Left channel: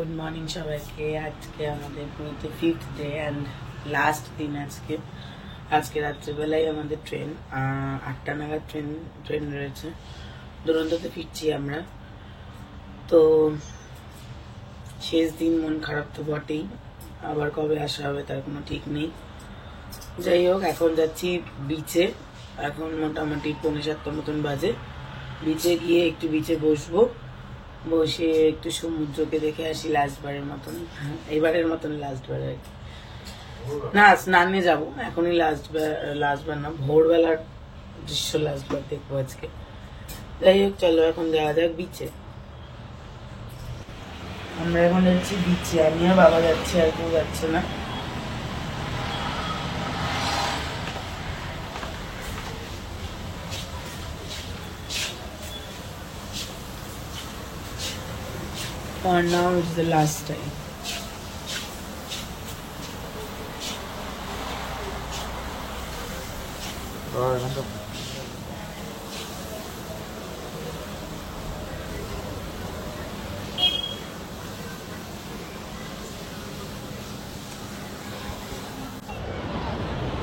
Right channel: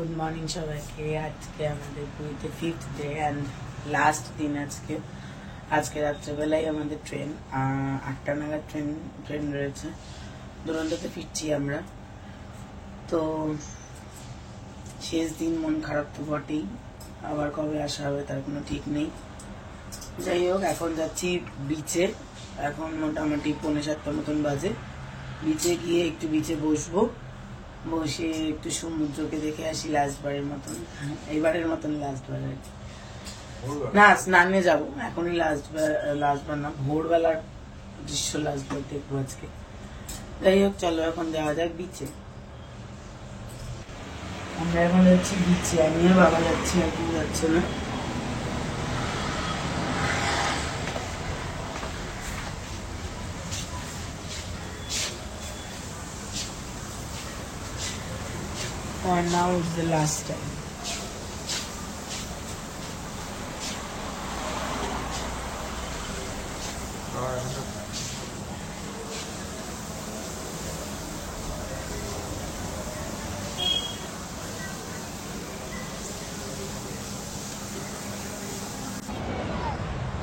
Good morning সবাইকে। আজকে আমাদের পুরীতে 5th ডে অ্যান্ড লাস্ট দিন। আজকে রাত্রেবেলায় আমাদের ট্রেন 8টা নাগাদ ট্রেন রয়েছে। দুরন্ততে ফিরছি আমরা। তো শেষ দিন, মন খারাপ তো বটেই, আবার কবে আসা হবে তার কোনো ঠিক নেই। যাই হোক, এখন যাচ্ছি বিচে। এখন মোটামুটি 6:45 মতন বাজে। বিচে গিয়ে একটু বিচে বসে একটু সমুদ্রকে দেখে আসি লাস্টবারের মতন। এইবারের মতন লাস্টবার আর কি না, স্নানে যাবো এখনই। লাস্টবার না, ভোরবেলার দৃশ্য লাস্টবার দেখবো আজকে। যাই হোক, চলো এখন যাওয়া যাক বিচে। আমরা এখন যাচ্ছি বিচে, আমিও বাবা যাচ্ছি, আর কেউ যাচ্ছে না। For now, it's the last time.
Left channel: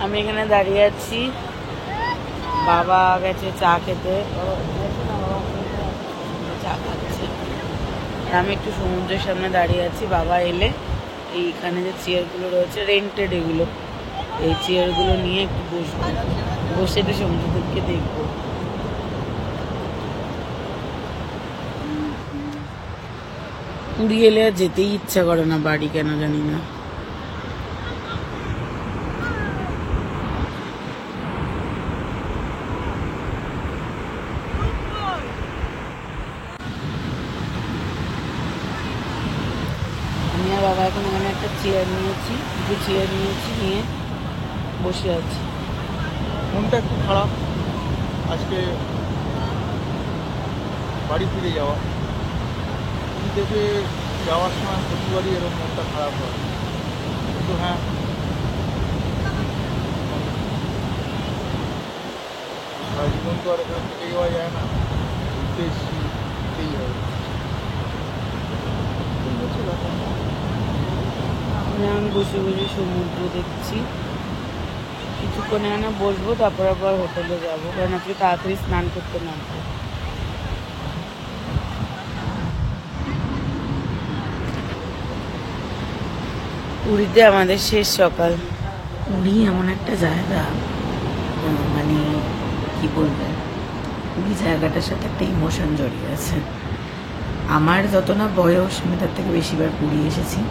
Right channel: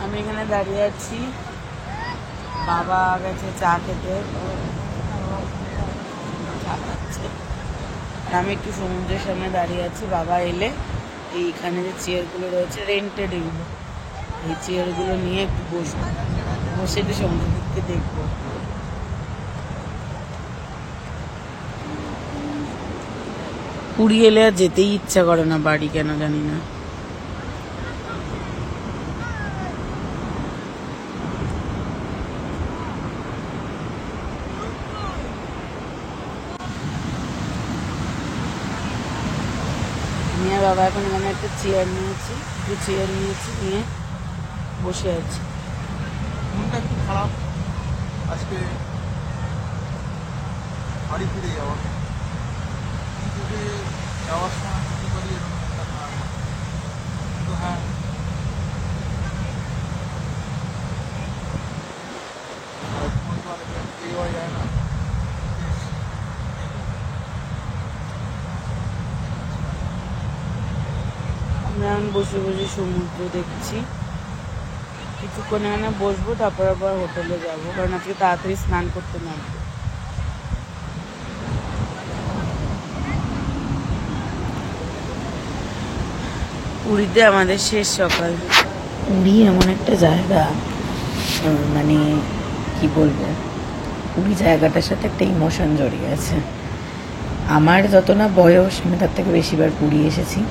আমি এখানে দাঁড়িয়ে আছি, বাবা গেছে চা খেতে, চা খাচ্ছে, আর আমি একটু সমুদ্রের সামনে দাঁড়িয়ে আছি। বাবা এলে এইখানে যে চেয়ারগুলো রয়েছে, রেন্টেড এগুলো, এই চেয়ারগুলো নিয়ে একটু বসে একটু সমুদ্র থেকে দেখবো। পুরী এলে আর যেতেই ইচ্ছা করে না বাড়ি, কেন জানি না। আমি আর বাবা এখন এখানে একটা চেয়ার নিয়েছি, নিয়ে বসে আছি। মনটা একটু খারাপ আজকে, বাড়ি ফিরে যাওয়া। পুরী থেকে যাওয়ার সময় প্রতিবারই এরকম মনটা খারাপ হয়, কিন্তু হ্যাঁ, সারা জীবন তো আর এখানে থেকে যাওয়া যায় না, ঘুরতে এসেই হবে। আমরা এখন বসে সমুদ্র দেখছি। কিছুক্ষণ এখানে বসবো, তারপর আবার হোটেলে যাবো, কারণ আজকে তাড়াতাড়ি স্নান করতে নামবো। পুরীতে আমাদের শেষ সকাল। পুরী এমন একটা জায়গা, মানে কি বলবো, পুরী জায়গাটার সাথে একটা ইমোশন জড়িয়ে আছে। আমার যত না বয়স, আমি তার থেকে বেশিবার পুরী এসেছি,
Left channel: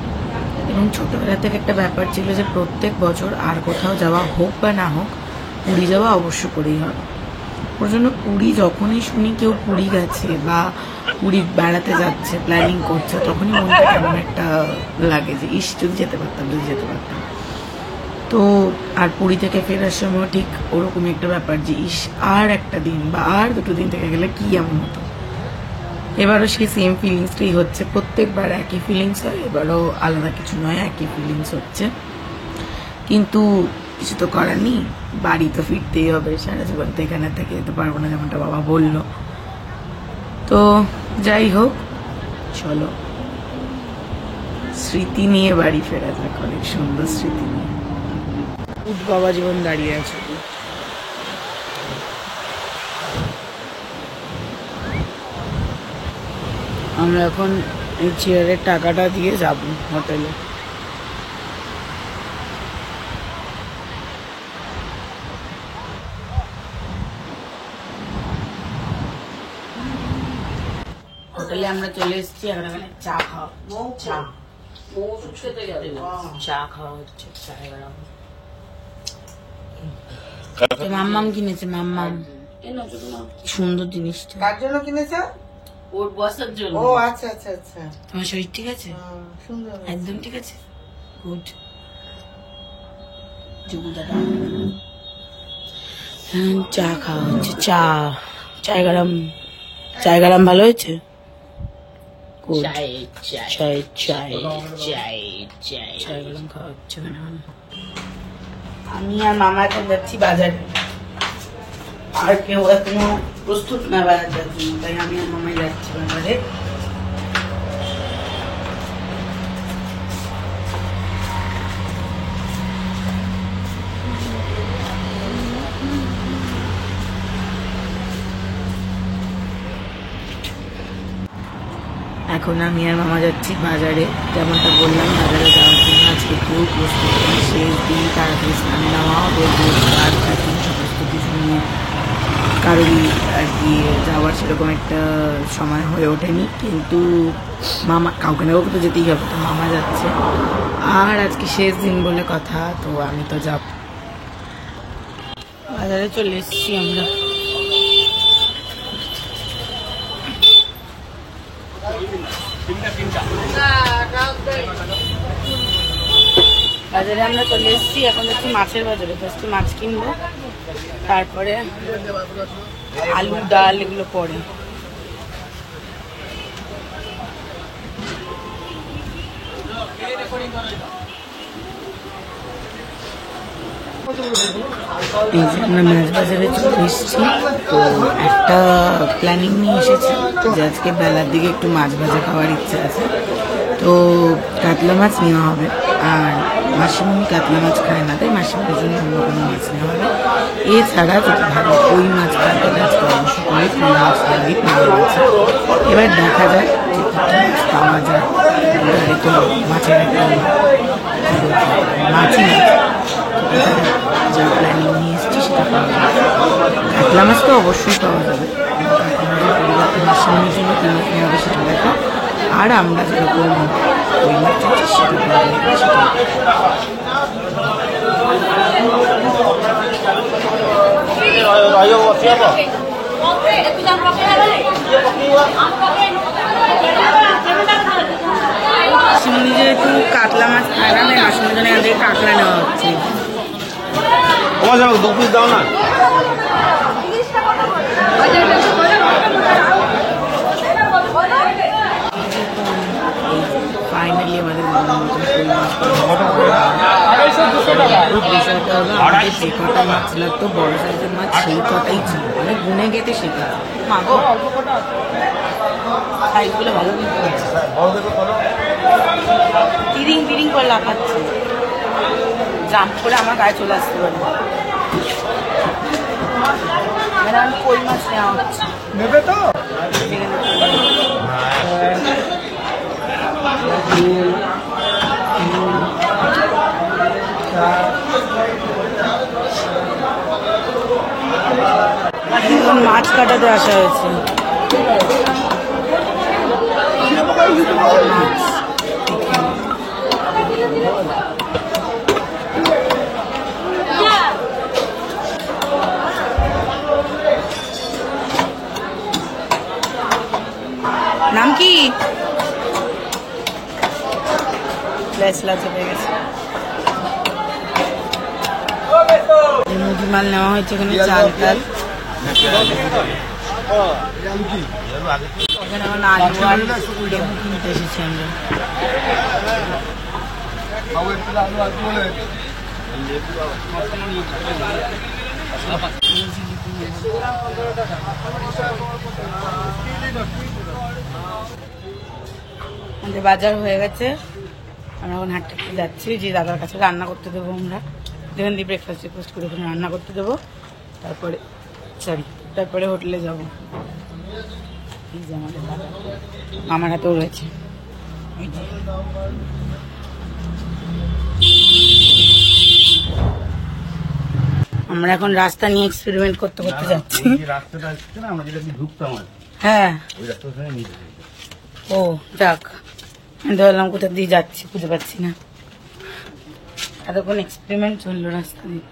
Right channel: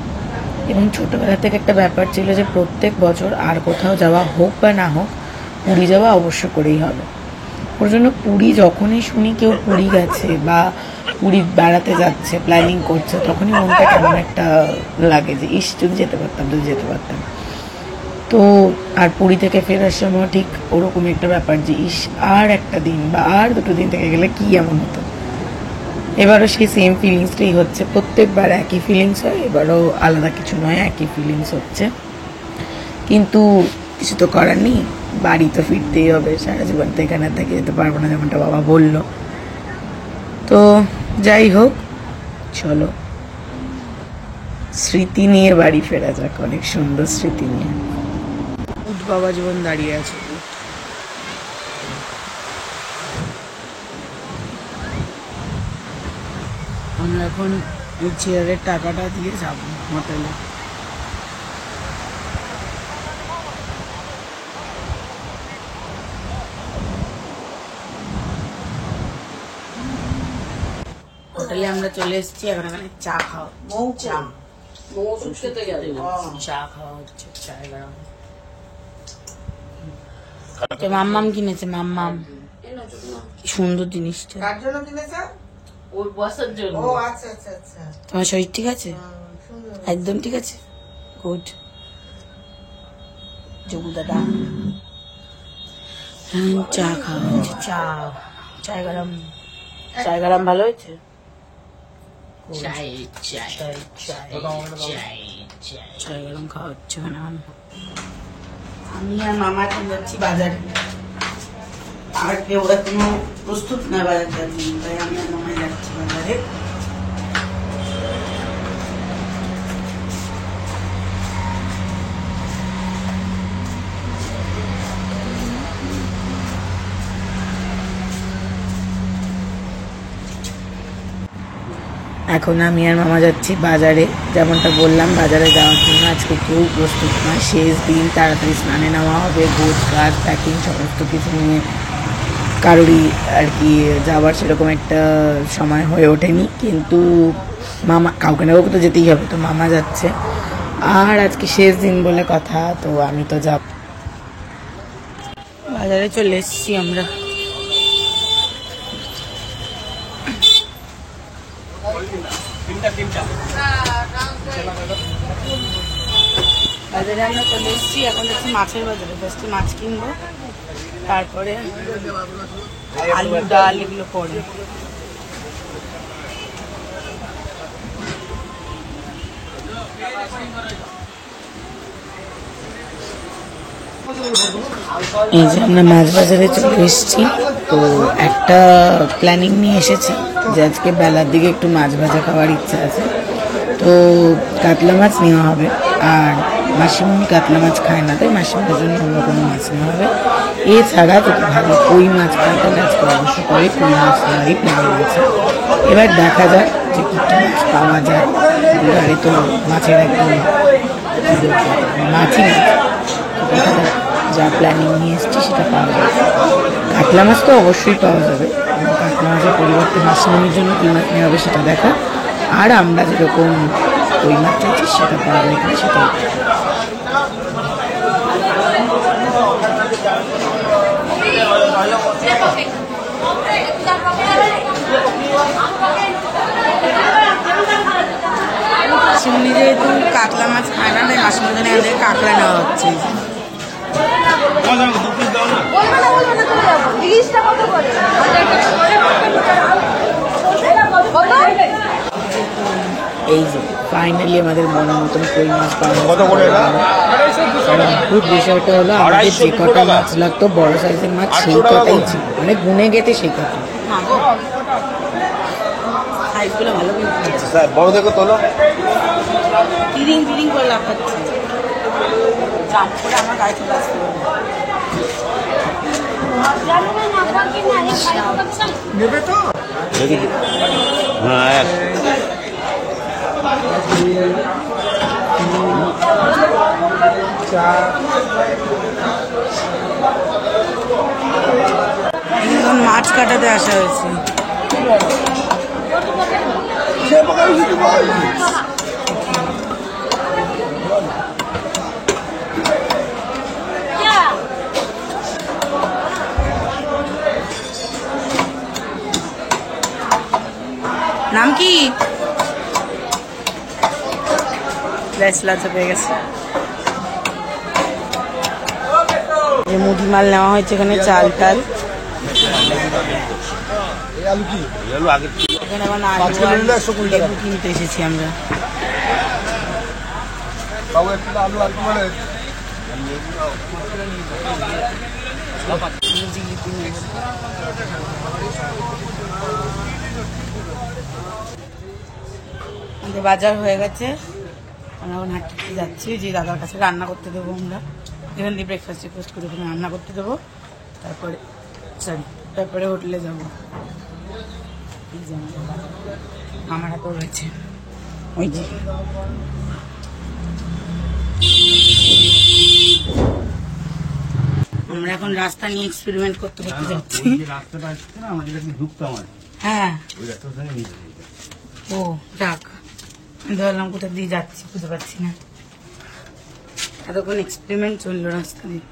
এবং ছোটবেলা থেকে একটা ব্যাপার ছিল যে প্রত্যেক বছর আর কোথাও যাওয়া হোক বা না হোক, পুরী যাওয়া অবশ্য করেই হবে। ওর জন্য পুরী যখনই শুনি কেউ পুরী গেছে বা পুরী বেড়াতে যাচ্ছে, প্ল্যানিং করছে, তখনই মনটা কেমন একটা লাগে যে ইস, যদি যেতে পারতাম। তো আর পুরী থেকে ফেরার সময় ঠিক ওরকমই একটা ব্যাপার যে ইস, আর একটা দিন বা আর 2 দিন থেকে গেলে কি এমন হতো। এবারও সেই সেম ফিলিংসটাই হচ্ছে। প্রত্যেকবার একই ফিলিংস হয়, এবারও আলাদা কিছু নয়, একই ফিলিংস হচ্ছে। কিন্তু কিছু তো করার নেই, বাড়ি তো ফিরতেই হবে, সারা জীবন তো এখানে থেকে যেতে পারবো না, যেমনটা বাবা বললো। তো যাই হোক, চলো স্মৃতি নিয়ে বাড়ি ফেরা যাক, অনেক সুন্দর স্মৃতি নিয়ে। উঠ বাবা জীবন দাঁড়িয়ে আছে। আমরা এখন এই চেয়ারের টাকাটা দিয়ে যাব হোটেলে। হোটেলে আমরা চলে এসেছি, এখন এখানে চা খাওয়া হচ্ছে, চায় গরম। তো মাম্মাম কিনেছে, মাম্মাম সুন্দর জিনিসটা। কার জন্য কিনেছে? ওর বসার জন্য। ও আচ্ছা আচ্ছা আচ্ছা। তোমার শরীর ঠিক আছে? একদম ঠিক আছে, গুড। জগু দাদা চা খাওয়া হচ্ছে, চায় গরম ভালো হয়েছে। চায় গরম খাওয়া হচ্ছে। আমি আর মামা এখন যাচ্ছি বাজারে। আর কেউ এখনো প্রস্তুত না বাজার যাওয়ার জন্য, তাই আমি আর মামাই যাচ্ছি বাজারে। এখন আমি আর মামা যাচ্ছি বাজারে। যেমনটা বললাম, বাজারে যাওয়ার জন্য আজকে কেউ প্রস্তুত নয়। শেষ দিন, তাড়াতাড়ি স্নানে নেওয়া হবে, গোছ গাছ প্যাকিং সমস্ত কিছু নিয়ে কারোরই আর কি যাওয়ার সেরকম একটা সময় হয়ে ওঠেনি। কিন্তু মামা, কাউকে না কাউকে তো যেতেই হবে, তো মামা যাচ্ছে। আর আজকে শেষ দিন বলে কথা, তো আমি তো যাব। বাজারে চলে এসেছি আমরা। বাজারে আমরা চলে এসেছি, এখন যাচ্ছি মাছের বাজারে। ফার্স্টে মাছ কিনবো, তারপরে আলু ডাল এগুলো পরে। এই যে আমরা মাছ বাজারে চলে এসেছি। তো একটা প্ল্যানিং নিয়ে এসেছি যে আজকে বেলার দিকে একটু মাছ ভাজা খাওয়ার ইচ্ছা আছে, তো কাতলা মাছ নেওয়া হবে। আর মাসিমণি কাতলা মাছ খায় না, তাই মাসিমণির জন্য অন্য কোনো মাছ নেওয়া হবে। এছাড়া যদি ভালো কই মাছ খায় তাহলে আজকে অবশ্য করে কই মাছ নেওয়ারই প্ল্যানিং আছে। এবার দেখা যাক যে কী মাছ পাওয়া যায়। দুবারে তো মাছের একদম মাছই না, তো দেখা যাক। যা প্ল্যানিং নিয়ে এসেছি সেটা পাওয়া যাবে। কাতলা মাছ তো অবশ্যই পাওয়া যাবে, কাতলা মাছের পরিবর্তে মাসিমণির জন্য কী মাছ নেওয়া হবে সেটা দেখা। আর আমরা যেরকম কই মাছ চাইছি সেটা পাওয়া যায় কিনা সেটা। মাসিমণি যেহেতু কাতলা মাছ খায় না, তাই মাসিমণির জন্য এখান থেকে কাঁকড়া নেওয়া হচ্ছে। এই যে ফাইনালি আমাদের মনের মতন কই মাছ পাওয়া গেছে। বিষয়টা হলো, আমাদের যে কটা মাছ লাগতো বড় সাইজের মাছ, সেই কটাই ছিল, মানে গুনে গেতে সেই কটা। সাইজগুলো ভালো কিন্তু তিরিং তিরিং করে লাফাচ্ছে, জাম করে আমার গায়ে চলে আসতে পারে। কই মাছ নেওয়া হচ্ছে, নেবে তো? এখন মাছ কাটাতে আসা হয়েছে। নাম কি? পেয়ে গেছে। মুদি মাল নেওয়া হয়েছে এখানে, চাল টাল। এখানে এখন আলু আর লেবু কিনতে এসেছি আমরা। আমাদের বাজার হয়ে গেছে, আমরা এখন হাঁটতে যাচ্ছি। যে দাদার কাছে রান্না করতে দেবো, আমরা যেখান দিয়ে ব্রেকফাস্ট টেকফাস্ট করে ওখানে রান্না করতে দেবো, তারপরে হোটেলে যাব। এই যে আমাদের বাজার, আমার হাতেও রয়েছে ওই যে। আমরা এখন রাস্তা নিয়ে এক্সপেরিমেন্ট করতে করতে যাচ্ছি। হ্যাঁ, ও যাক, ধরলাম কোথা দিয়ে যাচ্ছি বুঝতে পারছি না। এতক্ষণ এক্সপেরিমেন্ট চললো রাস্তা দিয়ে।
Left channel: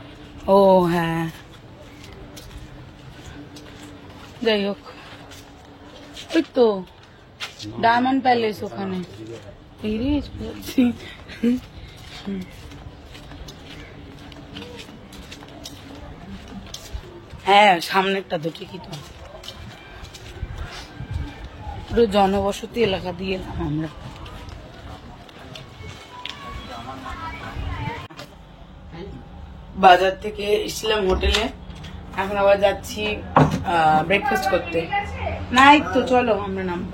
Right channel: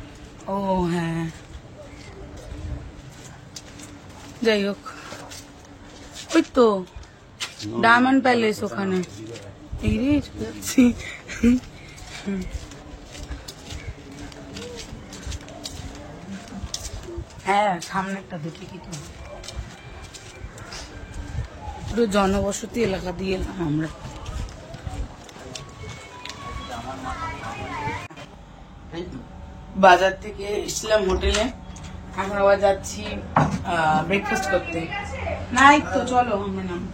ও হ্যাঁ, যাই হোক, ওই তো ডায়মন্ড প্যালেস ওখানে। যাচ্ছি। হ্যাঁ, সামনেরটা তো ঠিকই তো। পুরো জনবসতি এলাকা দিয়ে এলাম আমরা। বাজার থেকে এসলাম হোটেলে, এখন আবার যাচ্ছি ব্রেকফাস্ট করতে। নাই তো, চলো আমরা নামবো।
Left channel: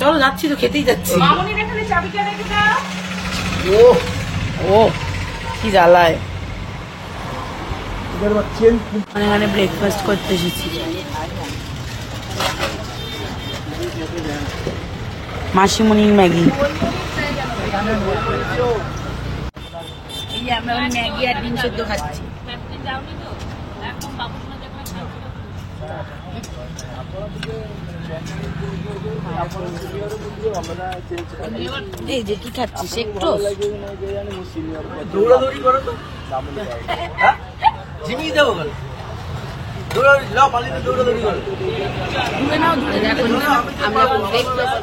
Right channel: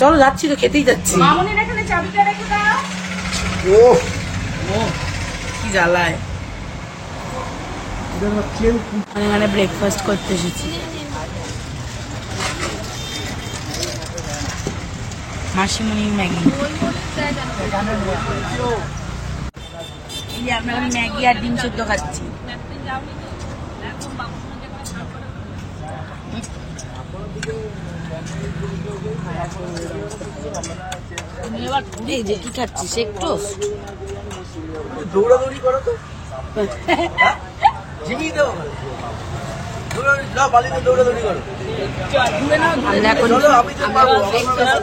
চলো যাচ্ছি তো, খেতেই যাচ্ছি। ও কি জ্বালায়। এখানে ব্রেকফাস্ট করতে এসেছি। মাসিমণির ম্যাগি। আমরা ম্যাগি আর ডিম সেদ্ধ খাচ্ছি। এই যে কি খাচ্ছিস? একটু দৌড়াদৌড়ি করো তো, ঝিমিয়ে দেবো। আমরা এখন ব্রেকফাস্ট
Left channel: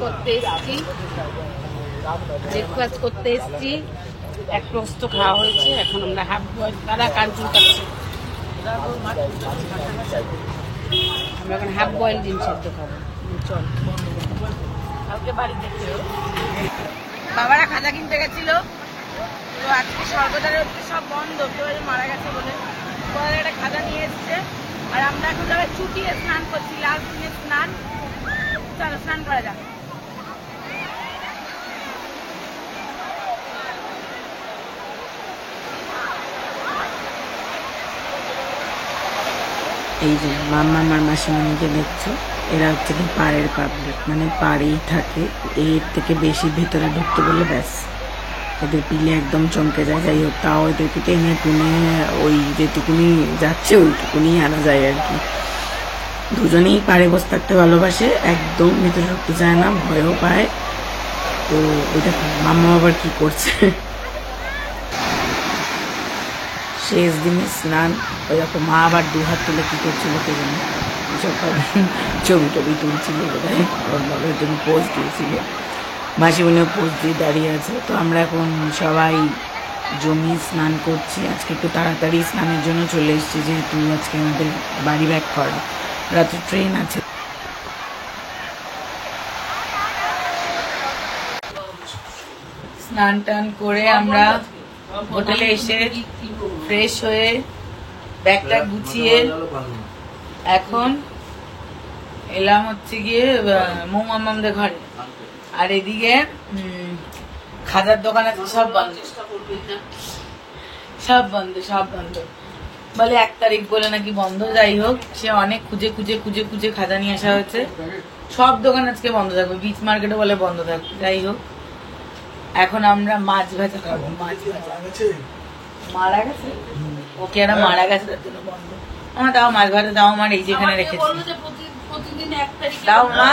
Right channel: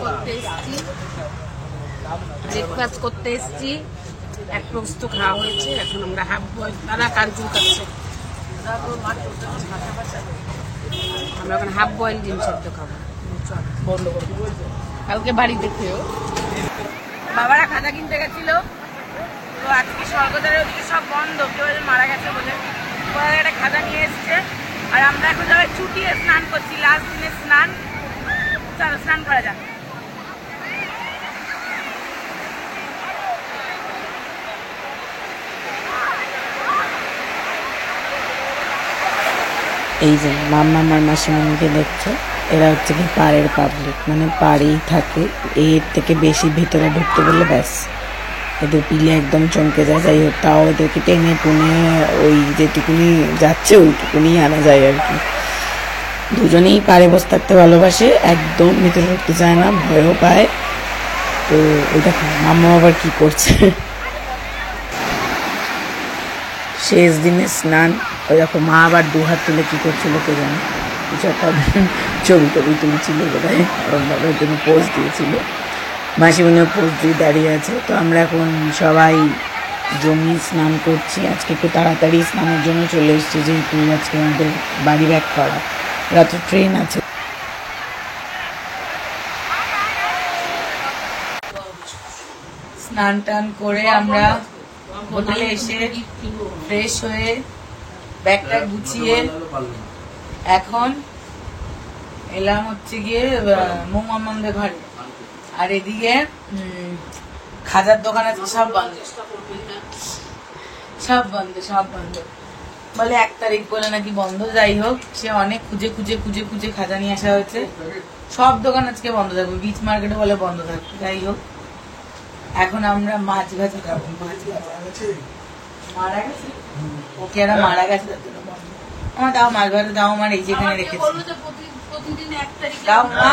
করতে এসেছি। এক প্রস্ত খাওয়া হয়েছে, এখন আমরা হাফ বয়েল, তারা কাজু খাচ্ছে, আমরা এখন হাফ বয়েল ডিম সেদ্ধ খাবো। চল, কালকে বাড়ি দেখতে বাবারা খাজা কিনতে গেছিল, তো আজকে সর্বদারের ওদিকে সব বন্ধ, কেউ মারা গেছে বলে একটা খাজা নিয়ে এসছে। আর আমরা এখন যাবে চুটিয়ে স্নান করছি, লাস্ট দিনের স্নান। চলো স্নান করা যাক। এই যে মাম্মা আমার মাসিমণিকে দেখছো, এরা হচ্ছে কি পাড়ের পাবলিক, মানে পাড়েই থাকে, এর থেকে বেশি ভিতরে ঢুকতে গেলে ব্যাস এদের পিলে একদম চমকে যায়। যাই হোক, তাও এদেরকে টেনে টুনে ওই যেটুকুনি যাচ্ছে ওইটুকুনি আনা যায় আর কি। দুজনেই পাড়ে বসে থাকতে ভালোবাসে, একদম ভিতরে ঢুকতে চায় না, ভয়ও পায়। তো ওই দেখো মাম্মা আবার কি করছে, শেষ দিনে স্নান। ওই দেখো মা আবার 2 হাত তুলে কি করছিল কে জানে, কিছু একটা ছবি টবি তুলছিল বোধহয়, ওর জন্য পোজ দিয়েছিল। মাসিমণিও পোজ দিয়ে দাঁড়িয়ে আছে। তো আমরা এখন সবাই জমি স্নান করছি। আজকে একটু তাড়াতাড়ি স্নানের জন্য চলে এসেছি, যেহেতু আজকে আমাদের বাড়ি ব্যাক করা, রাতের ট্রেন আছে। স্নান টান করে আমরা হোটেলে এসে ফ্রেশ হয়ে ব্যাগটা গুছিয়ে এখন এলাম হচ্ছে গিয়ে মৌমামামদের ঘরে। আর এদিকে খাজার দোকান আছে, সব বন্ধ, সব বন্ধ, সব বন্ধ বলে 1 তারিখ বলে নাকি বন্ধ। যাই হোক, সে অনেক খুঁজে খুঁজে খুঁজে খুঁজে খাজা নিয়ে আসা হয়েছে। সব দোকান আজকে বন্ধ থাকবে, বিচ মার্কেটে বলে বন্ধ থাকবে। যাই হোক, এখন আমরা মাছ ভাজা খাবো। মাছ ভাজা মারা গেছে, ওকে একটা মারা গেছে, আমার দাও মাছ ভাজা দাও, আমার এই যেখানে রেখেছি দাও মা,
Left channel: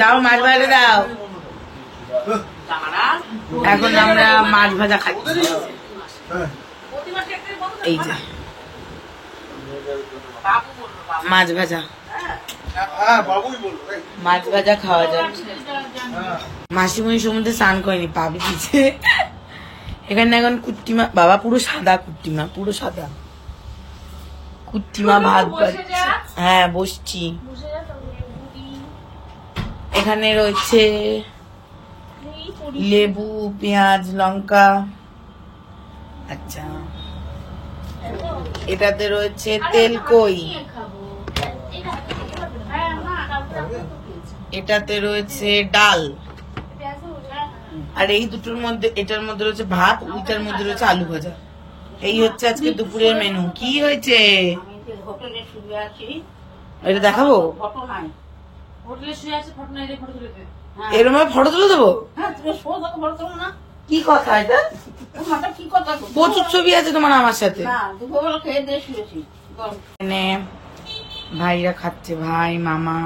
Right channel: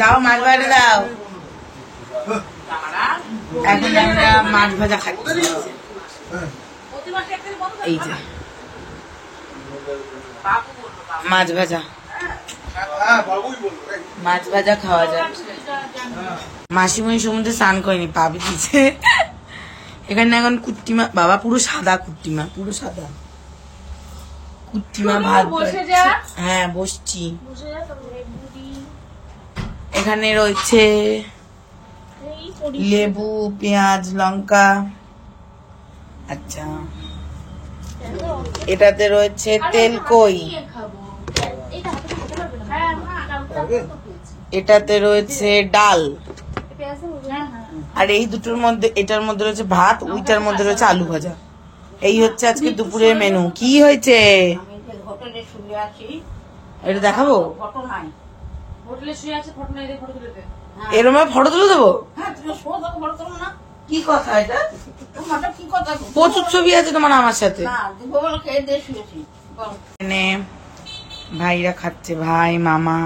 দাও মাছ ভাজা দাও। এখন আমরা মাছ ভাজা খাচ্ছি, এই যে মাছ ভাজা, মাছ ভাজা খাওয়া যাক। মাসিমণি সমুদ্রে স্নান করেনি, পাবি দিচ্ছে। এখানে এখন কুট্টিমা, বাবা পুরো সাদা কুট্টিমা, পুরো সাদা কুট্টিমা ভাত পাচ্ছে। হ্যাঁ বসছি। এখানে রয়েছে লেবু, পেঁয়াজ, লঙ্কা। আচ্ছা, এটাতে রয়েছে তেলকই, এটাতে রয়েছে ডাল, আর এই দুটোর মধ্যে, এটার মধ্যে রয়েছে ভাত, ওইটার মধ্যে রয়েছে আলু ভাজা। এই হচ্ছে আজকে দুপুরের মেনু। কি হয়েছে এটা দেখাবো? এরম ফটো তুলে দেবো? কি কথা এটা? প্রচুর ছবি আছে তোমার আমার সাথে। ভাইরা খাচ্ছে, ভাই, মামা,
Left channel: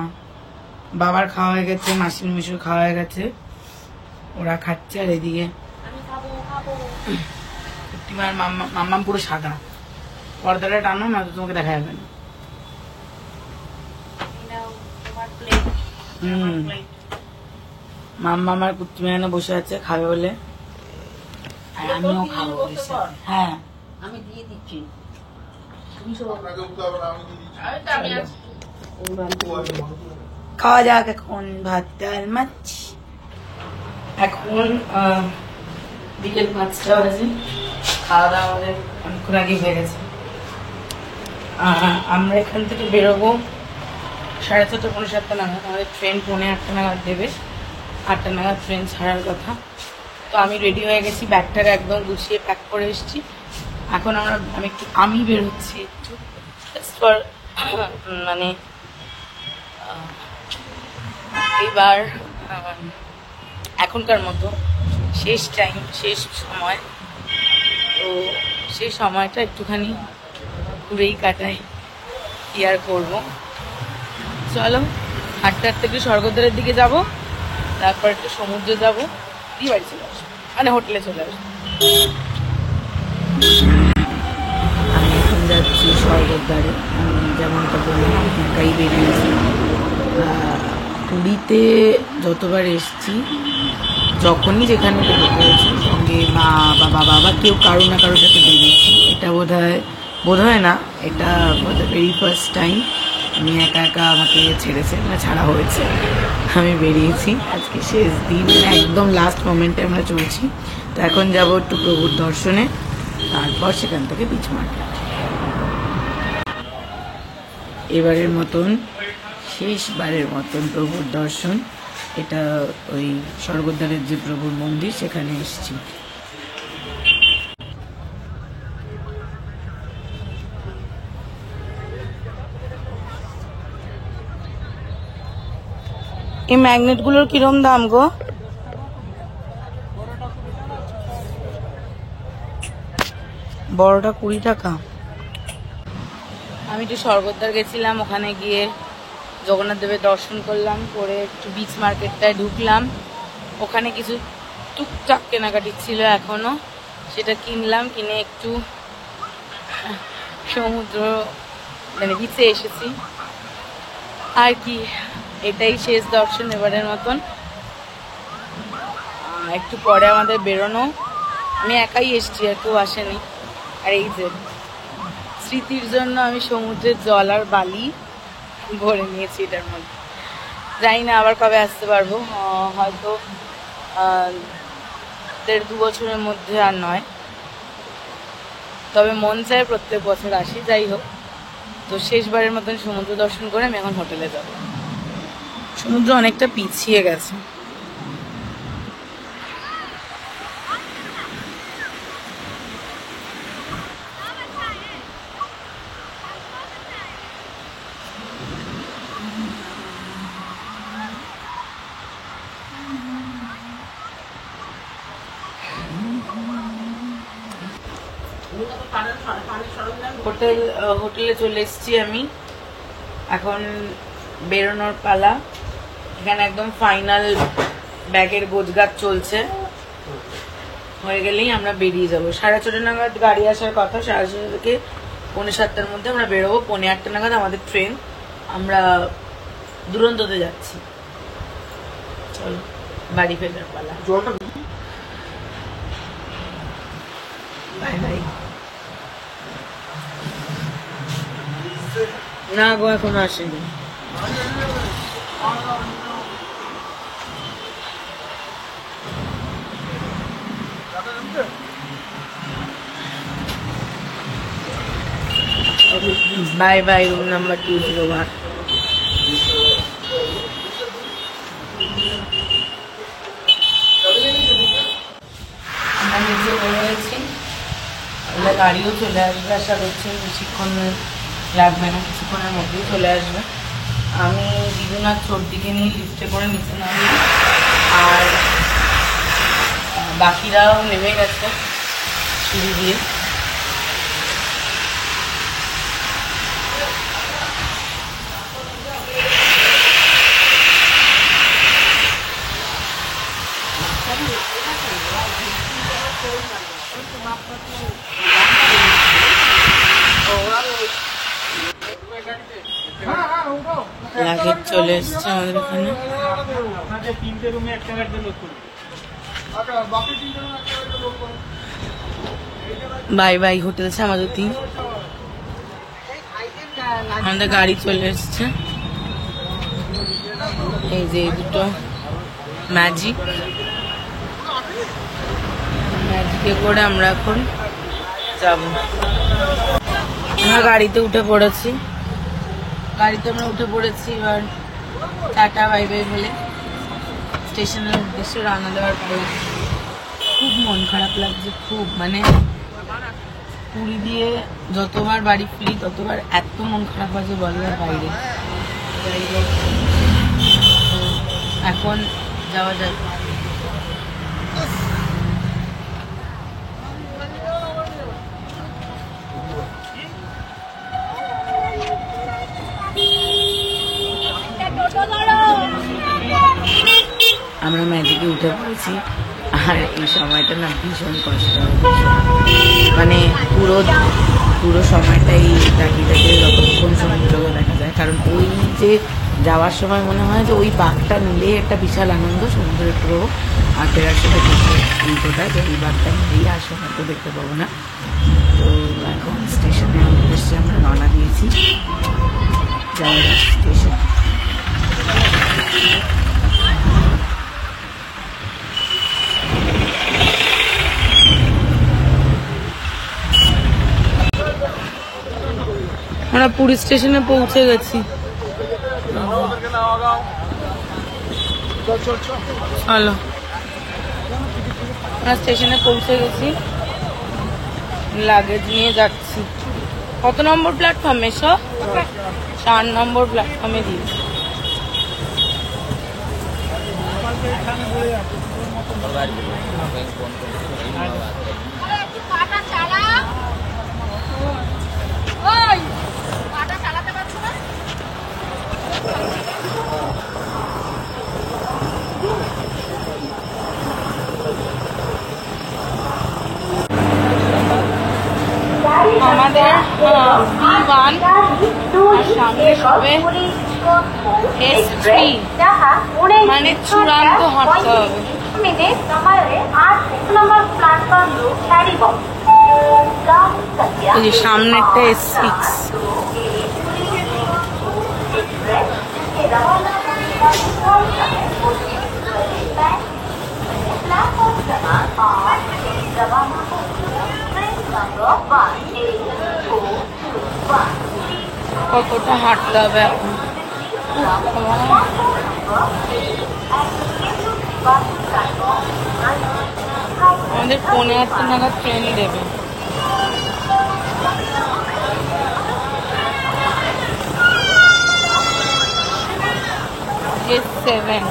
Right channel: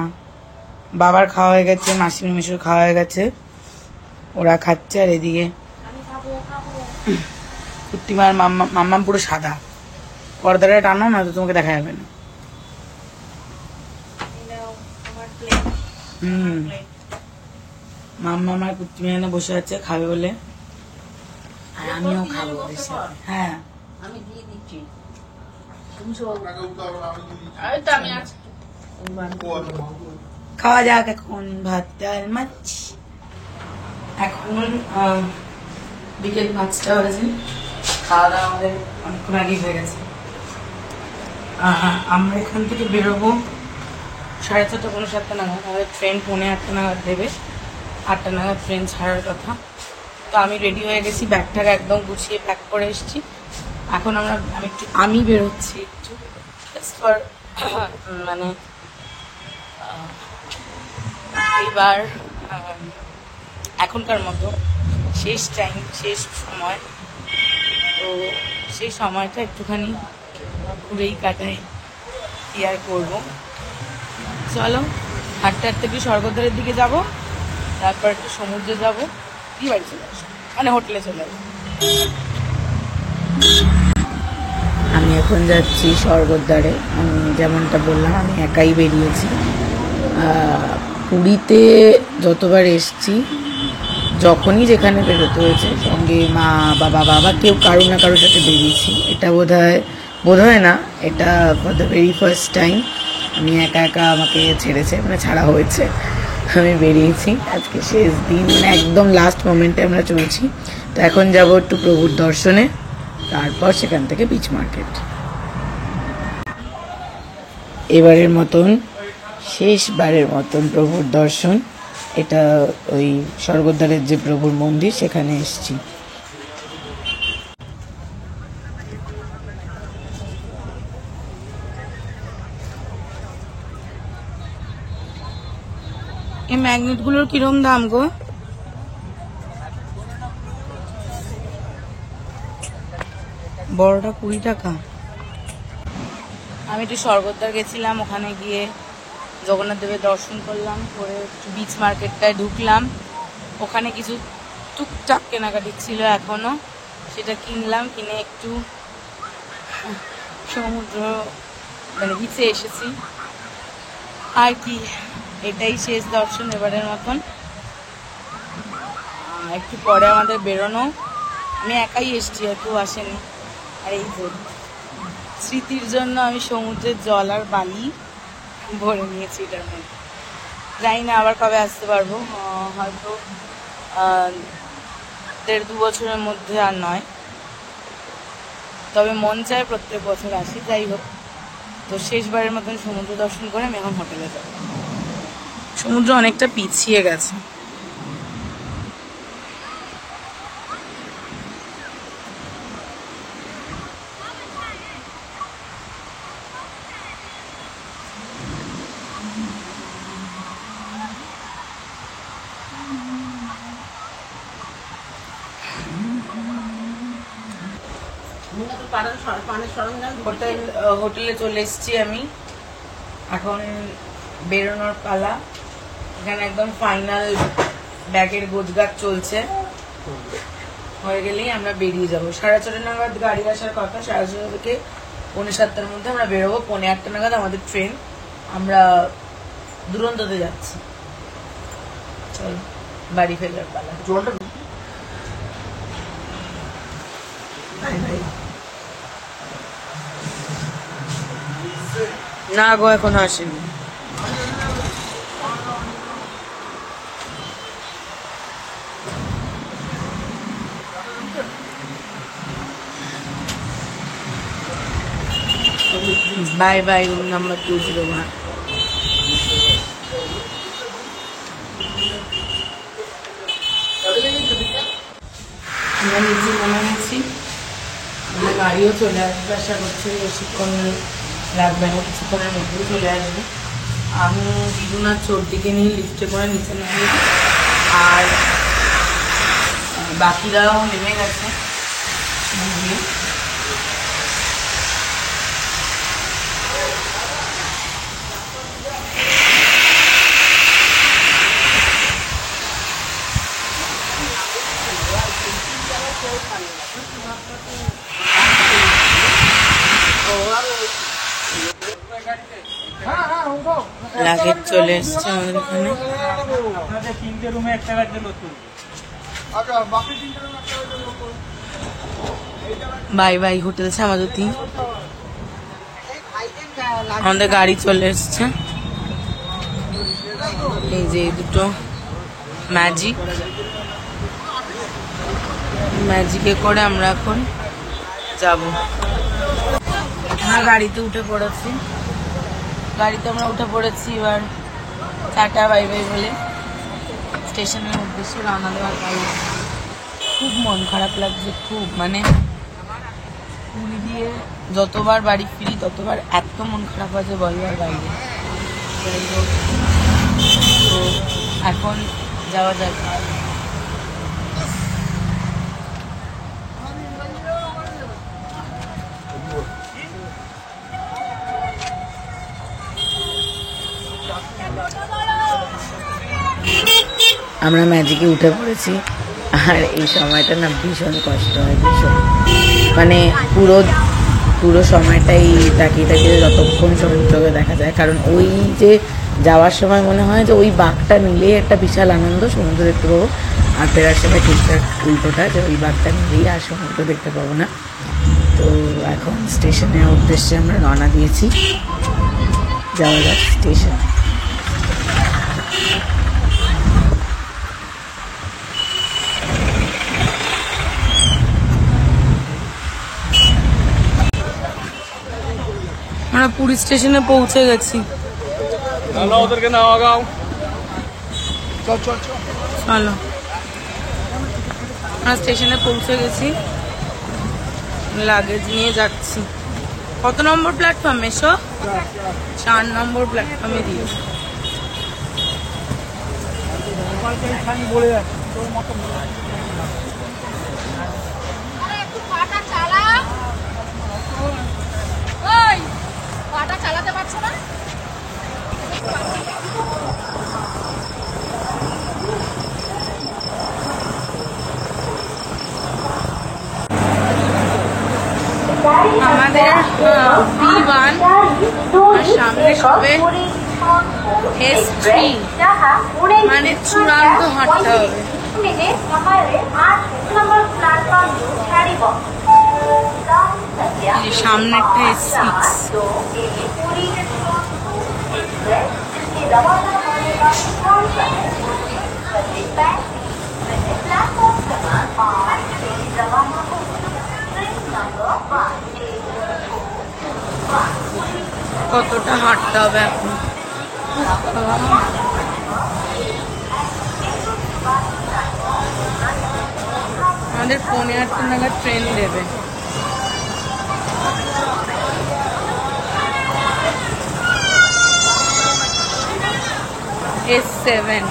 বাবার খাওয়া হয়ে গেছে, মাসির মিশুর খাওয়া হয়ে গেছে, ওরা খাচ্ছে। আর এদিকে কুট্টিমার মাম্মাম পুরো সাদা, পর্দাটা টানো না তো তোমাকে দেখা যাবে না। মাম্মাম আর কুট্টিমা এখানে বসে আছে, খাবে বলে, আর আমিও খাবো ওদের সাথে। হ্যাঁ আমি দিয়ে দিচ্ছি, খাওয়া যাক এখন ভাত ডাল মাছ। এখন বিকেল 5টা বাজে, খাওয়া দাওয়া আমাদের অনেকক্ষণ আগেই হয়ে গেছে। আমরা এখান থেকে বেরোবো 6:30 পৌনে 7টা নাগাদ। আমাদের ট্রেন 7:45 নাগাদ দেবে, 8টা নাগাদ ট্রেন ছাড়ার কথা। তো আমি রেডি হয়ে গেছি, ব্যাগটাকে একদম গুছিয়ে প্যাক করে এসেছি। এখন আমি বেরোচ্ছি একটু মানে এইবার এখনকার মতো শেষ টাইম, শেষ সময়, তো সেই সময়টা একটুখানি ঘুরেই কাটাই, কি আর করবো। চলো হাঁটতে হাঁটতে একটু স্বর্গদ্বারের দিকে যাব, তারপর একটু সমুদ্রে যাব, দিয়ে বাড়ি চলে আসবো, মানে হোটেলে চলে আসবো। আমি এখন যাচ্ছি স্বর্গদ্বারে। আমি যেমনটা বললাম, আমি একাই বেরিয়েছি। পুরীতে যতবার এসছি, যখনই যেখানে বেরোতে হয়েছে, সঙ্গে মা বাবা বাবা কেউ কারো না কারোর সাথে বেরিয়েছি। এটা বোধ হয় না, এটা ভেরি ফার্স্ট টাইম আমি একা একা আমাকে ছেড়েছে, মানে ছাড়া হয়েছে, আমি বেরিয়েছি। আজকে শেষ দিন, মানে একদম লাস্ট মোমেন্টে আমরা চলছি। তো এখন যাবো একটু প্রভুর দর্শনে, তারপর সেখান থেকে বিচ মার্কেট। এবারের মতন, শেষবারের মতন প্রভুর দর্শন। এটা ওই স্বর্গদ্বারের যে প্রভুর মন্দির, সেখানে এসেছি। এই ম্যাগনেটগুলোর কিরম দাম গো? বড়টা 20 টাকা। আমি একটু স্বর্গদ্বার গেছিলাম, ওখানে গিয়ে জগন্নাথ দেবের দর্শন করলাম, করে একটু বিচ মার্কেটটায় ঢুকলাম। ওখানে কিছু টুকটাক কেনাকাটি ছিল এখনো, সেটা কিনলাম, কিনে একটু সমুদ্র মানে বিচে এসেছি। আর কি, এটাই শেষ দর্শন এবারের মতন। একটু পরে আমাদের বেরোনো। আমি একাই এসেছি, আর কেউ আসেনি। আর এই যে স্মৃতির জন্য আমি সমুদ্রের জল আর বালি ভরে নিয়েছি এটার মধ্যে। জানি না আবার কবে আসতে পারবো, হয়তো 1.5-2 বছরের মধ্যে আর নয়, তবে মন চায় প্রত্যেক বছর আসি। যাই হোক, তো শেষবারের মতন সমুদ্র দর্শন করে আমি এখন হোটেলে যাব। সমুদ্র অনেকটা পিছিয়ে গেছে। হোটেলে চলে এসেছি আমি, এখন বেরোনোর পালা। এখানে একদম ফাইনাল ব্যাগের গোছগাছ চলছে, হয়ে গেলেই আমরা বেরিয়ে যাবো। 6:30 নাগাদ গাড়ি আসার কথা, 6:30 থেকে 7:45-র মধ্যে আমরা বেরোবো। 8:30 নাগাদ আমাদের ট্রেন, আমরা দুরন্ততে যাচ্ছি। চলো বাড়ি ফেরার পালা। Bye bye. না গো, এখনো আসেনি। Bye bye, room number 201। আমরা নিচে বলে গেছি, গাড়িও চলে আসবে, আশা করছি বেশিক্ষণ লাগবে না, কিছুক্ষণের মধ্যেই চলে আসবে। আমি দিদুনাথ চোরদিকে নিয়ে লিফটে করে নিচে নামি, আর বাকিরাও নেমে গেছে সিঁড়ি দিয়ে। লাগেজ চলে এসছে আমাদের এখানে। Bye bye hotel Shyamajyoti. আমাদের গাড়ি চলে এসছে, এই যে দুটো ম্যাজিকে করে আমরা এখন যাব। আমরা গাড়িতে উঠে পড়েছি, এবার টাটা বাই বাই বলে স্টেশনের উদ্দেশ্যে রওনা দেওয়ার পালা। খুব মন খারাপ লাগছে, খুব, মানে পুরী দিয়ে যতবার বাড়ি ফিরি ততবার এত মন খারাপ হয় যে বলার বাইরে। যাই হোক, তো এখন যাওয়া যাক। আমরা ম্যাজিকে উঠে পড়েছি, আর এই সময়টা না ভীষণ কষ্ট হয়, ভীষণ মানে পুরো সময়টাই তাকিয়ে তাকিয়ে যতক্ষণ সমুদ্রকে দেখা যায়। কারণ ওই যে যাওয়ার সময় মনে হয় যে ওই বাঘটা নিলেই একটা বিশাল আনন্দ, সমুদ্র দেখতে পাবো, আর ফেরার সময় ঠিকঠাক উল্টোটা যে ওই বাঘটা নিলেই আর সমুদ্র দেখতে পাবো না। তো এখন স্টেশনের উদ্দেশ্যে আমরা রওনা দিয়েছি, যাওয়া যাক স্টেশন। আমরা পুরী স্টেশনে পৌঁছে গেছি। চলো, আমরা স্টেশনে পৌঁছে গেছি, লাগেজ নিয়ে যাচ্ছি। কত নম্বর প্ল্যাটফর্মে? 4 নম্বর প্ল্যাটফর্মে দিয়েছি। আমাদের B1 আর সামনে সবে S3, মানে চূড়ান্ত হাঁটতে হবে। সামনেটা S6। কতটা হাঁটতে হবে এখন। আমাদের 8:45 নাগাদ ট্রেন দেবে। S7,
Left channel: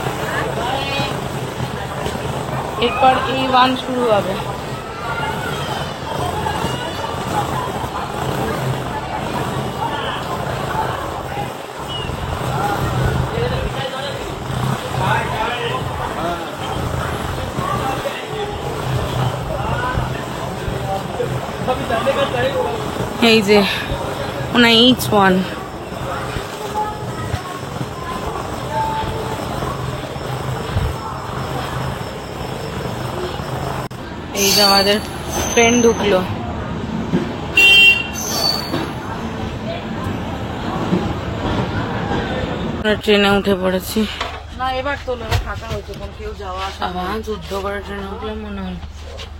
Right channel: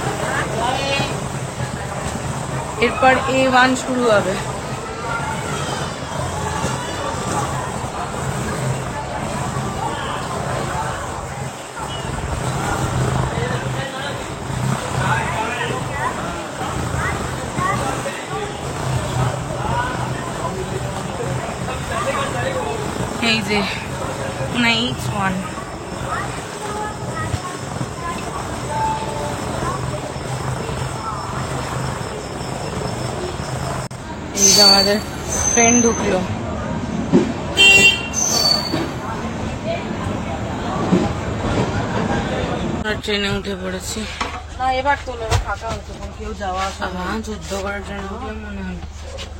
এরপর A1 শুরু হবে। এই যে মানে each one। এই যে আমাদের ট্রেন ঢুকলো। ট্রেনে উঠে পড়েছি। এবার তো ফাঁকা হতো, কেউ যাওয়া আবার যুদ্ধ করে ট্রেনে উঠলাম মনে হয়।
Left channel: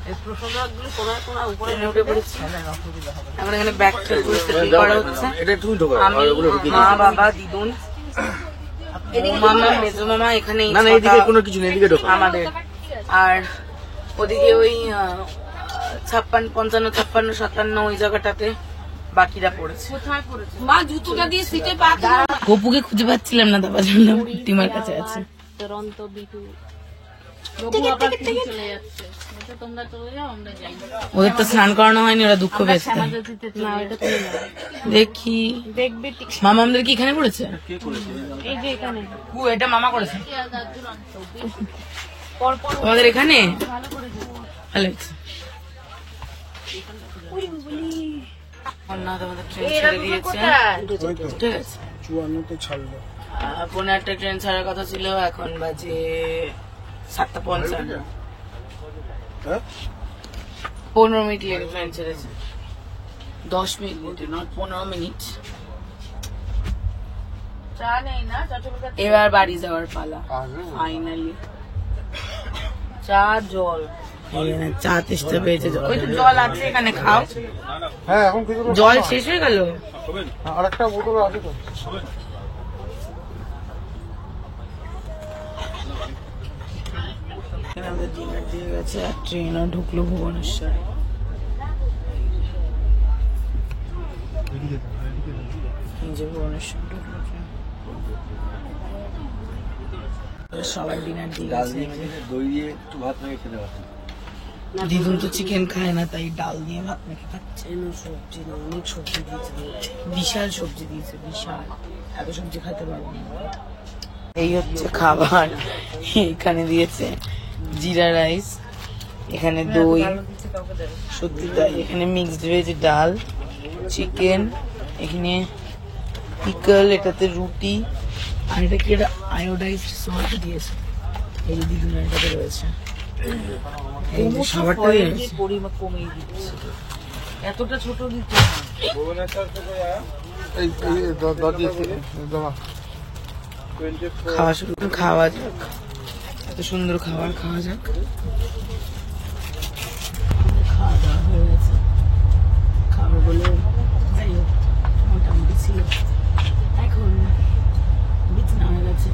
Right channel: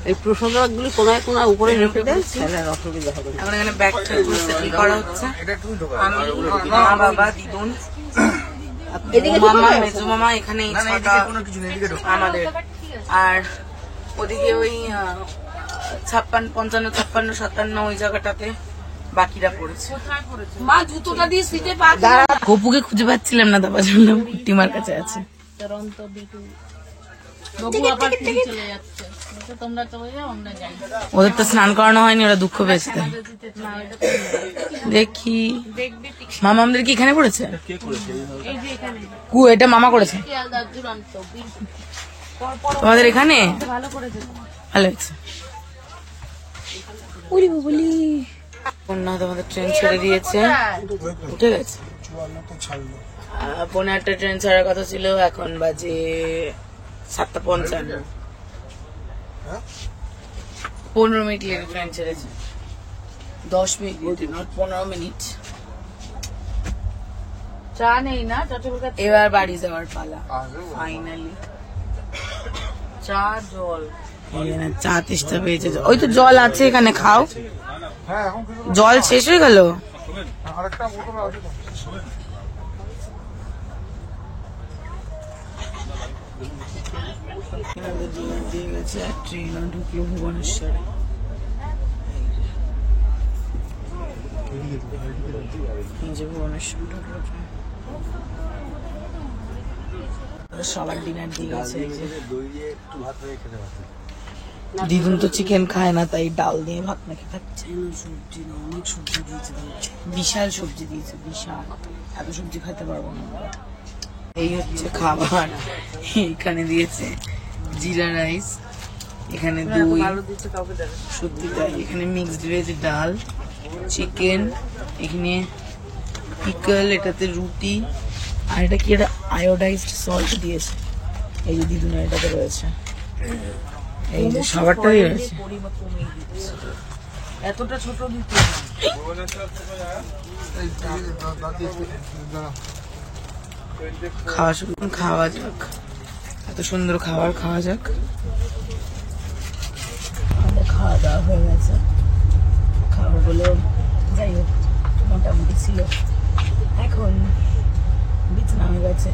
এই প্রসাদগুলি কোনায় কোনায় উপরে উঠে পড়েছি। এখন এখানে ব্যাগ ট্যাগ করে সেটিং করা হচ্ছে। আমি, মা, বাবা, দিদুন, মামা, মেজো মামা এখানে আমাদের, আর ওদিকে ওই 56, 55, 56, 57 ওই জায়গাটাতে বাকিরা পড়েছে। গপুকে খুঁজে পাচ্ছিলাম না, তারপর শুনলাম কুর্তিমার কাছে আছে। ওদের তো স্নান করানো হয়নি, ওরা দুঃখ পেয়েছে। দেখি মামা আমাদের কি এখানে পড়েছে? এটা মামা করেছে তোমাদের এখানে? ভালো আছে। তোমাদের ট্রেন ছেড়ে দিয়েছে, ঠিক আছে। 54 ট্রেন ছাড়ার কথা ছিল, এখন বাজে 7:55। 15 মিনিট লেগে ট্রেন ছেড়েছে। 10 মিনিট, নট 15 মিনিট। চা নেই না? এবার বাড়ি যাওয়ার পালা ফাইনালি। চা, জল, চা তেষ্টা পেয়েছে। ওই তো জল আছে এখানে, খাও। জল শেষ হয়ে গেল। আমাদের ডিনার দিয়ে গেছে, আর ট্রেনও ঢুকলো ভুবনেশ্বরে। ভুবনেশ্বর ঢুকলো ট্রেন। সবার ডিনার দিয়ে গেছে। এই যে দই দিয়ে একটু ভাত রেখে খেতে পারো। দিদুন তো চিকেন খায় না, তাই ডাল দিয়ে ভাত মেখে খাচ্ছে। সবজি না, অনেক সবজি দিয়েছে। বিশাল সবজি দিয়েছে, বিশাল। এত সবজি খাইতে পারবো না। এই হচ্ছে খাবার। এখানে দিয়েছে জিরা রাইস, এখানে দই, সত্যি তাই। এখানে মিক্সড ভেজ ডাল, চিকেন, এখানে পিকল, এটাতে রুটি, আর এটা কি একটা আয়োডাইজড সল্ট দিয়েছে। এই যে দিদুন এটাতে রয়েছে। এই যে সবারটাই রয়েছে। পরিমাণ কমিয়ে দিচ্ছে, এতটা ছোট দিচ্ছে খাওয়া শুরু, খাওয়া যাক। এত সুন্দর খাবার খাওয়া যাক। খাওয়া দাওয়া হয়ে গেছে। খাবারগুলো যাই হোক মোটামুটি ছিল। এখন বিছানা হয়ে গেছে,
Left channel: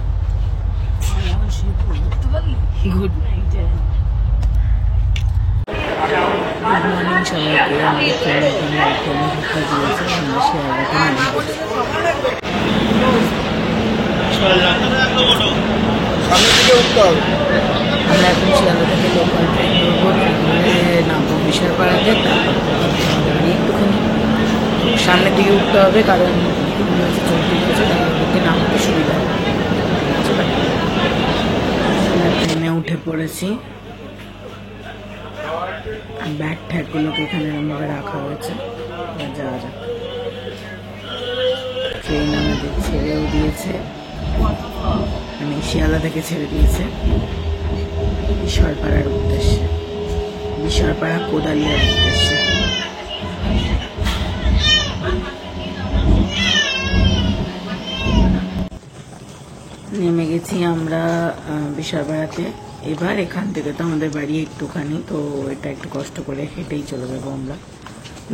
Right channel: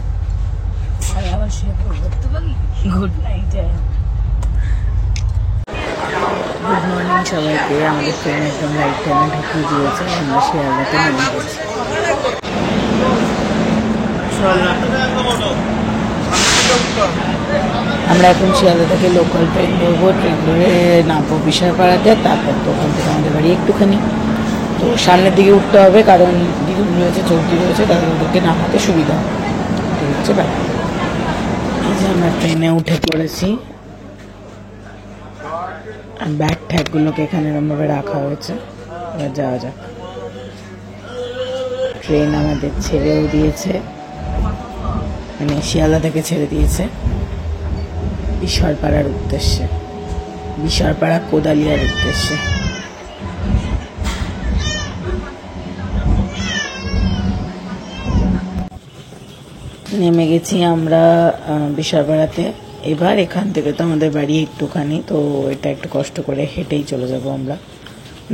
আমি আবার শুয়ে পড়বো। Good night. গুড মর্নিং সবাইকে। আমাদের ট্রেন একদম রাইট টাইমে ঢুকিয়ে দিয়েছে। আমরা শিয়ালদাতে নেমে গেছি। আমরা এখন শিয়ালদা থেকে লোকাল ট্রেন ধরবো। ট্রেন ধরে নামবো বিশালপাড়াতে, তারপর ওখান থেকে আমাদের বাড়ি একটুখানি। তো সামনের দিকে উঠতে হবে, কারণ দিদি রয়েছে, চলতি রয়েছে, তার ওদেরকে নামাতে সুবিধা হচ্ছে। ব্যাপার আমরা ট্রেনে উঠে পড়েছি। ব্যাগ ট্যাগগুলোকে এখানে এরমভাবে রাখা হয়েছে। যাওয়া যাক। ট্রেন আমাদের ছেড়েও দিয়েছে, মানে শিয়ালদা থেকে ছেড়ে দিয়েছে বিশালপাড়ার উদ্দেশ্যে, বিশালপাড়া কোদালিয়ার উদ্দেশ্যে। নেমে গেছি আমরা বিশালপাড়াতে। এবার এখান থেকে তো আমাদের বাড়ি একটুখানি, তো এটা একটু কষ্ট করে হেঁটেই চলে যাব আমরা।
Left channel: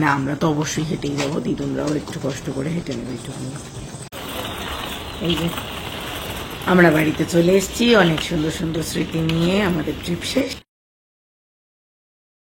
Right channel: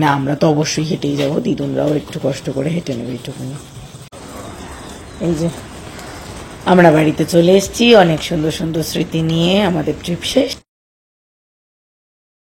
না, আমরা তো অবশ্যই হেঁটেই যাবো, দিদুনরাও একটু কষ্ট করে হেঁটে নেবে একটুখানি। এই যে আমরা বাড়িতে চলে এসেছি, অনেক সুন্দর সুন্দর স্মৃতি নিয়ে। আমাদের ট্রিপ শেষ।